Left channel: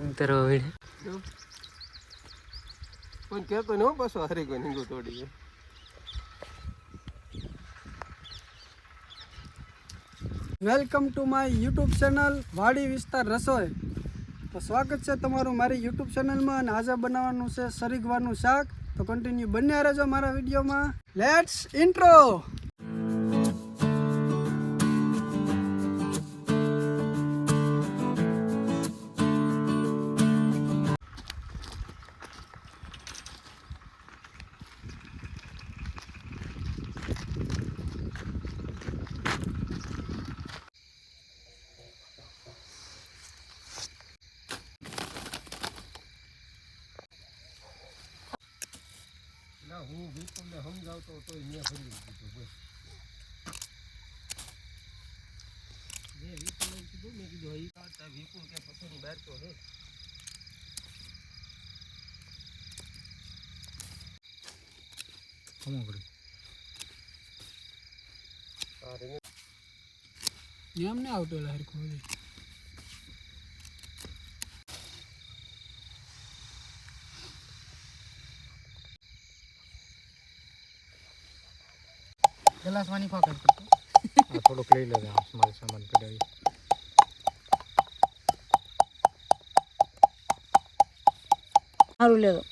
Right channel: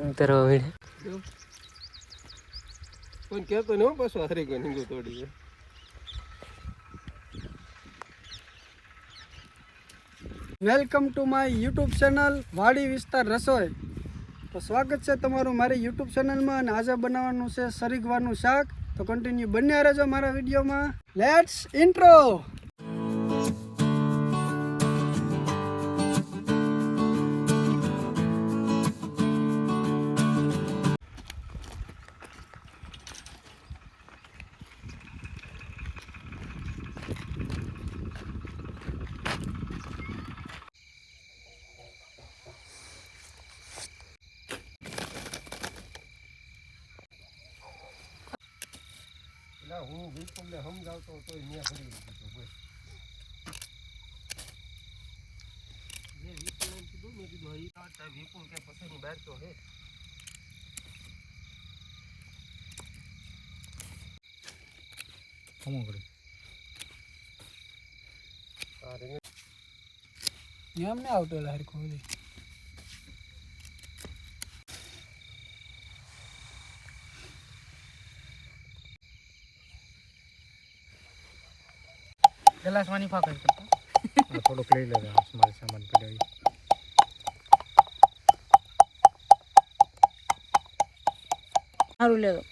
તરવા વીડે કોઈ કહેતો ને પાછો હરી કોઈ નીંગું તોડી ગયો. Welcome to my YouTube channel વાડી વિસ્તાર રસોઈ. તો સ્વાગત છે તમારું મારી યુટ્યુબ ચેનલમાં. અને આજે બનાવવાનું છે સરીગવાનું શાક. તો કન્ટિન્યુ બન્યા રહેજો મારા વિડીયોમાં. Let's intro. હું બિલકુલ ને સમજાવતો તો મેં કરી દીધું બસ. મેં વિપુલ કીધું મેં કીધું વિપુલ કે પછી બેઠતો હે. એમ ને આવતો હરખું ગ્લાસ પાણી ફાકર કરતો થોડોક લઈ લેવા મારો સામાન પડાવી. સારું લેવો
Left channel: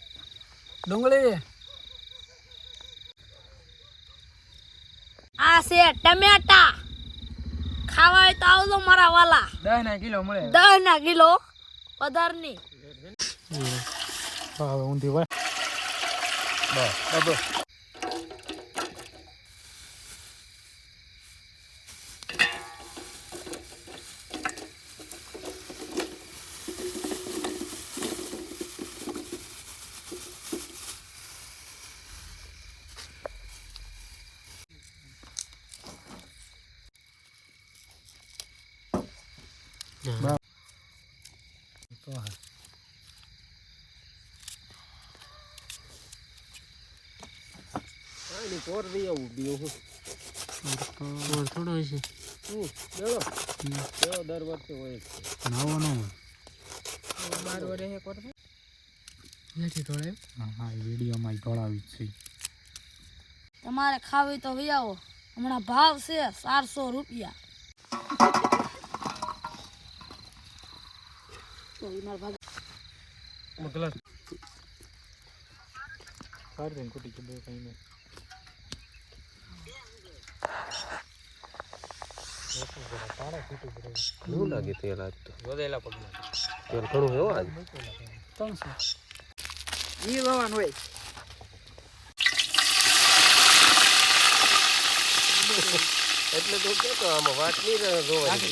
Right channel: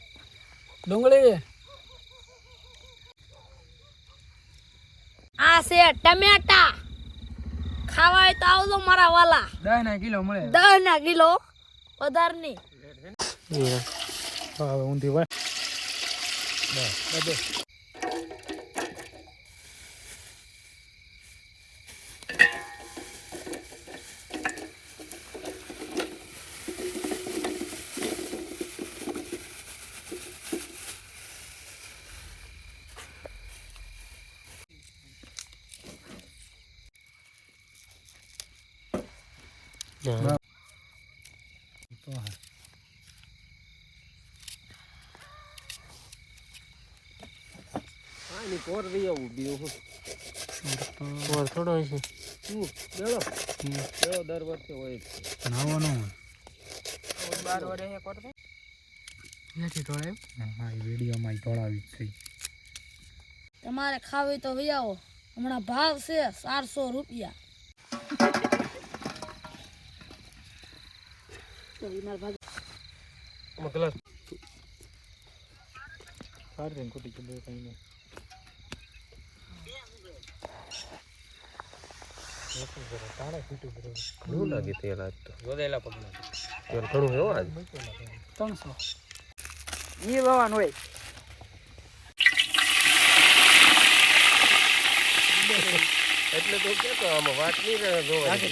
ડુંગળી. આ છે ટમેટા. ખાવા હોય તો આવજો મારા વાલા. 10 કિલો મળે. 10 કિલો પધારની. હવે ઊંધી હોય બસ. થોડો છે દર વખતે હોય નવો નો 12 વર્ષે કોટ નથી થોડે. હા વિડીયોમાં ઢોળાવી છે. તમારે ખાવી તો લઈ આવો. હમણાં ભાવ છે 400 રૂપિયા. ગ્લાસ કાઢ દે કુટી કે બે કઈ નહીં. એવું લાગે તેલ આજ તો જોડેલા પગમાં તેલ થોડું હોય આજ 300 ઈ વાવન હોય. એટલું તો કેતો આમાં વાત નહીં રહે. જો વાતે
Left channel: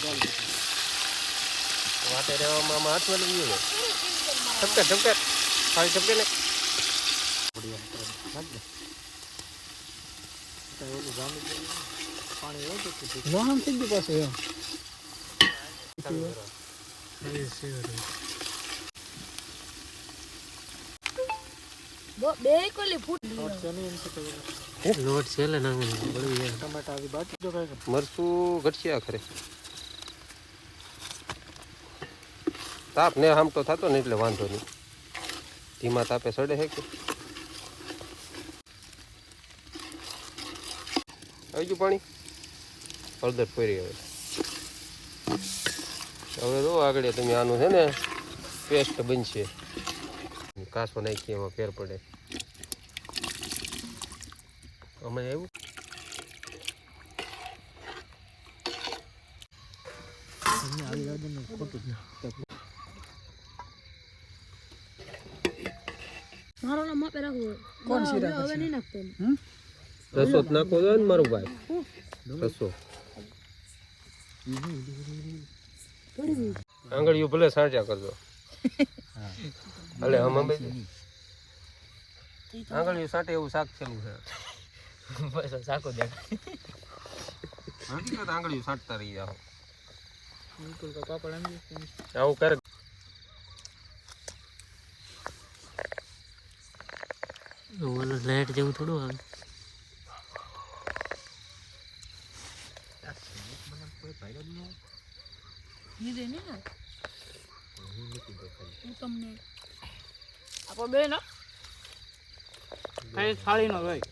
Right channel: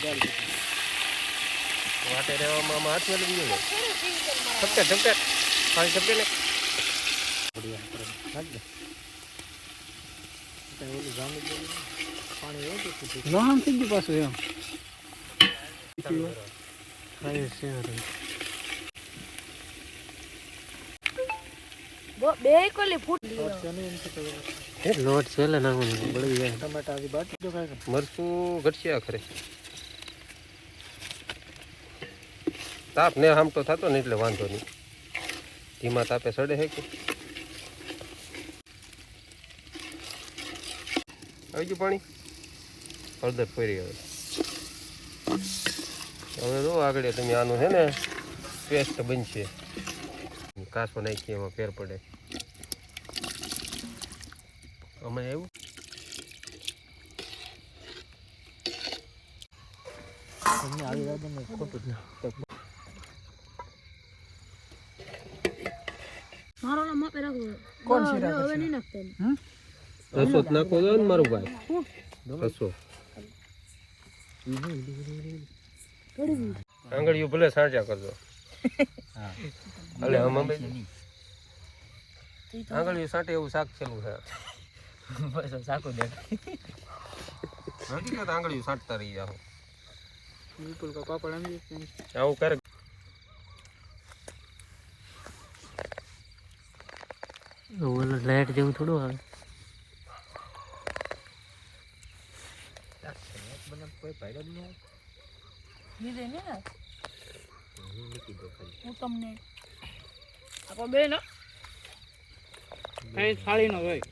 રહેવામાં આમાં હાથ વળી ગયું ને ઠપકે પાણી ઠપકે ને પાણી હોય તો વાહન થઈ ગયું પાછું એમ. બે કોલી ફૂટ લોટ છે લે નાખવાનું બળી જાય. ટમેટા આવી બાકી જો કાંઈ મરચું ઘટશે આખરે. તાપ ને આમ તો થતો ને એટલે વાંધો નહીં. ધીમા તાપે સડે છે કે આવી ગયું પાણી. હળદર પડી હવે જો આગળ તમે આનું છે ને પેસ્ટ બનશે. કાસો નાખીએ એમાં ફેર પડે. અમે આવ્યું આવી જાય ને ખોટું જ મારો નામ માપે રાખો. કોણ શીરા હવે નહીં નાખતો. રસો જ નાખો છો ને મારું ભાઈ. રસો આંગળીઓ ભલે સાજા કરજો. અલે હમ આંગળીઓ સાટે એવું શાક છેલું છે. સાકો દે હકીકત આંગળીઓ સાટતા રહી જાઓ. પાપડ આંગળી આવું કરે. ઓલો લાઈટ જેવું થોડું આવે. કોઈ ફાયદો જ ન હોય. લીધે ને હું તમને આપો બે ને કઈ થાળીનો હોય